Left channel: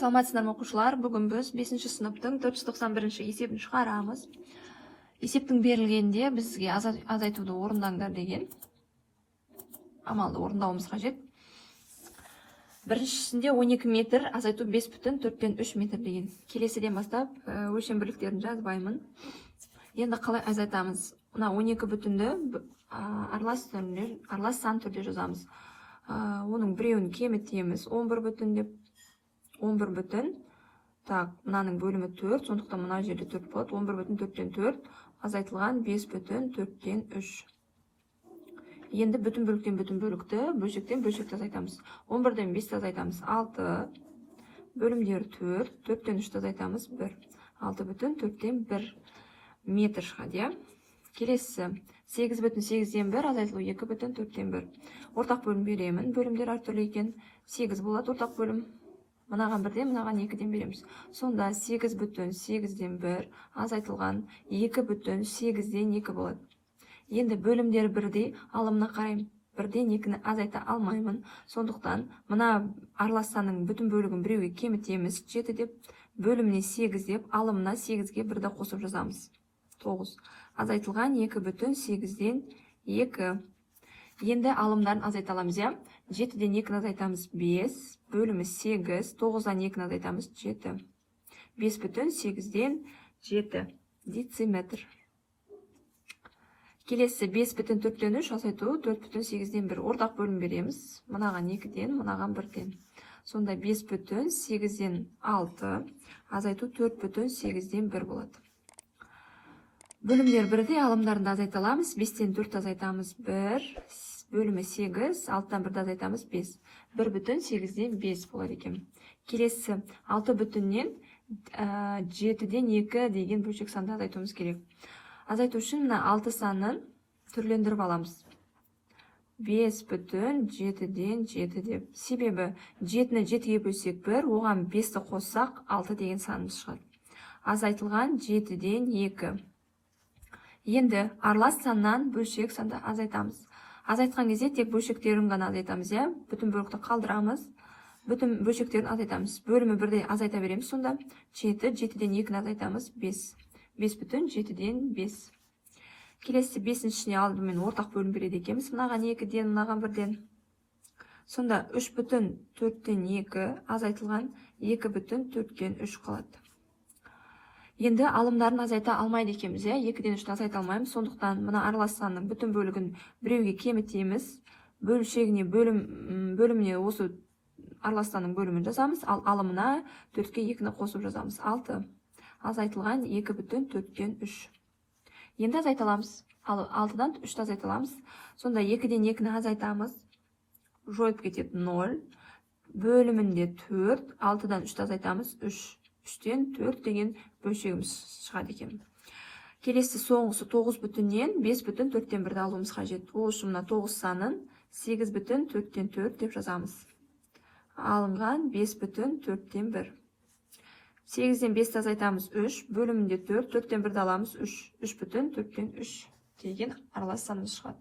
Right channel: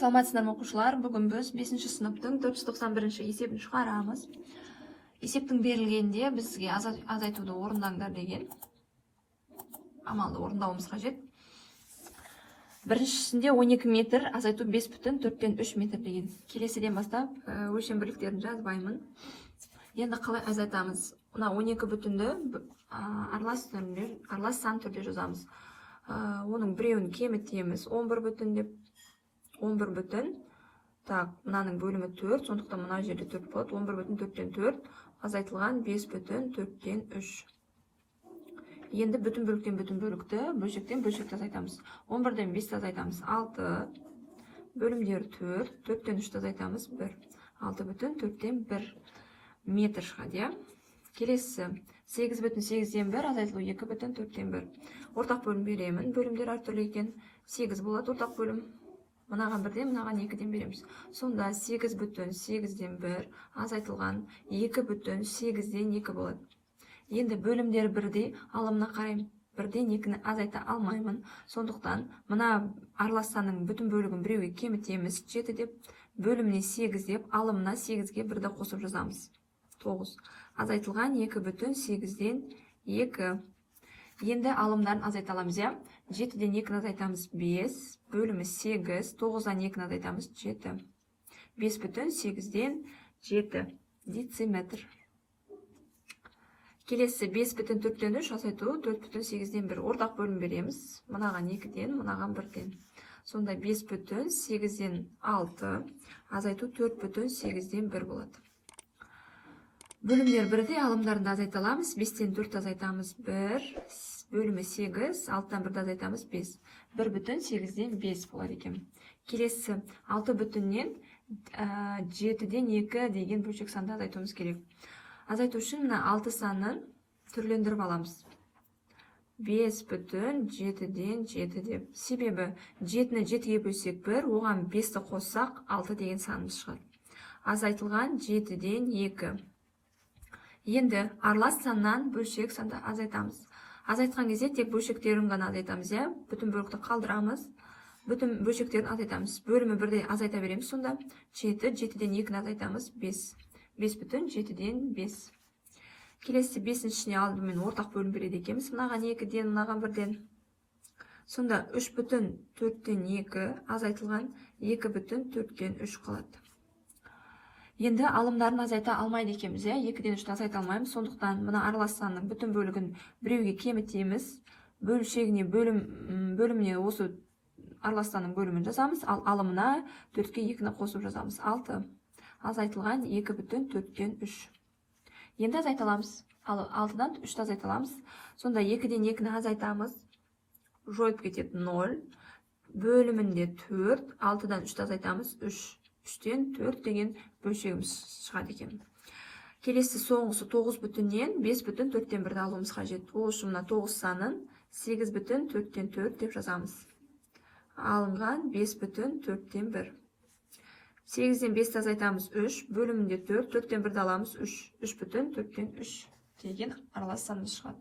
Саламатсыздар ма оқушылар? Бүгін біз 5-ші сыныптың 491-ші есебін шығарамыз. Есептің берілгенде бізге азайтуды орындаңдар деген амалды орындауымыз қажет. Біріншісінде 12 метр, азайту 5,4-3 метр деген. Келесіден бастап өлшем бірліктерін жазбаймын. Енді қалай азайтамыз? Мына 12 бүтінді аралас сан түрде жазамыз. Оның біреуін кемітеміз. 11 бүтін деп. 11 бүтін. Так, мынаның бөлімі 4, сондықтан мына жерде 4 болады. 11 бүтін 4-тен 4, азайтылған 5 бүтін 4-тен 3. Енді бүтін бөліктен бүтін бөлікті, бөлшектен бөлшекті азайтамыз. 11-ден 5-ті азайтамыз 6, бөлімдер 4, 4-тен 3-ті азайтамыз 1. 6 бүтін 4-тен 1 метр шығады. Келесі 8 бүтін 8-ден 1, азайтылу 2 бүтін 4-тен 1. Ортақ бөлім беремін, бөлімдер әртүрлі екен. 8 болады ортақ бөлім. Мынаған 1-ден, мынаған 2-ден береміз. Сонда 8 бүтін 8-ден 1 азайтылған 2 бүтін 8-ден 2 болады. Енді бөлімдер 1-дей, алымына қарайым. 1-ден 2-ні азайта алмаймын. Сондықтан мына аралас санның бүтін бөлігін біреуге кемітеміз. 7 деп, бөліміне 8 деп, алымына 8-ге 1-ді қосып жазамыз. 9. Азайтылған 2 бүтін 8-ден 2. Енді алымдарын азайта аламыз. 7-ден 2-ні азайтамыз 5, бөлімі 8, 9-дан 2-ні азайтамыз 7. 5 бүтін 8-ден 7 дециметр. Келесі 5 бүтін 4-тен 3 азайту 4 бүтін 8-ден 1. Ортақ бөлім береміз. Мынаған 2-ден, мынаған 1-ден. Сонда 5 бүтін 8-ден 6 азайту 4 бүтін 8-ден 1 болады. Бөлімдер 1-де алымдарында азайта аламыз. 5-тен 4 азайтамыз 1, бөлімі 8, 6-тан 1-ді азайтамыз 5. 1 бүтін 8-ден 5 болады екен. Келесі 6 бүтіннен 7-ден 2 деген бөлшек санды азайтуымыз керек. Азайту үшін мына 6 санын түрлендіріп аламыз. 5 бүтін 7-ден 7 деп. Себебі 7-ні 7-ге бөлсек 1, оған 5-ті қоссақ 6 деген санымыз шығады. Азайтылған 7-ден 2. Енді аралас саннан бөлшек санды азайтамыз. Азайтқан кезде тек бөлшектерін ғана азайтамыз. Бүтін бөлікті қалдырамыз. Бүтін бөлшектерін азайтамыз. Бөлімі 1-де азайта береміз. Сонда 7, 7-ден 2-ні азайтамыз 5. 5 бүтін 7-ден 5. Келесі 5-дің ішіне алдымен ортақ бөлім береді екенбіз. Мынаған 2-ден, мынаған 1-ден. Сонда 3 бүтін 4-тен 2 азайтылған 2 бүтін 4-тен 3 қалады. Енді алымдарын азайта алмайды екенбіз. 2-ден 3-ті азайта алмаймыз. Сондықтан мына аралас санның бүтін бөлігін біреуге кемітеміз. Бөлшегіне бөліміне осы аралас санның бөлімін жазамыз. Ал алымына 4-ке 2-ні қосып жазамыз. 6. Азайтылған 2 бүтін 4-тен 3. Енді азайта аламыз. 6-дан 3-ті азайта аламыз. Сонда 2-ден 2-ні азайтамыз. Жойып кетеді 0. Бөлімінде 4. 6-дан 3-ті азайтамыз 3. 3-тен 4 деген бөлшегіміз шығады екен. Келесі соңғысы 9 бүтіннен 5 бүтін 4-тен 1-ді алуымыз қажет. Ол үшін мына 9 санын 8 бүтін 4-тен 4 деп жазамыз. Алынған 5 бүтін 4-тен 1. 8-ден 5-ті азайтамыз 3, бөлімінде 4, 4-тен 1-ді аламыз 3. 3 бүтін 4-тен 3 деген аралас санымыз шығады.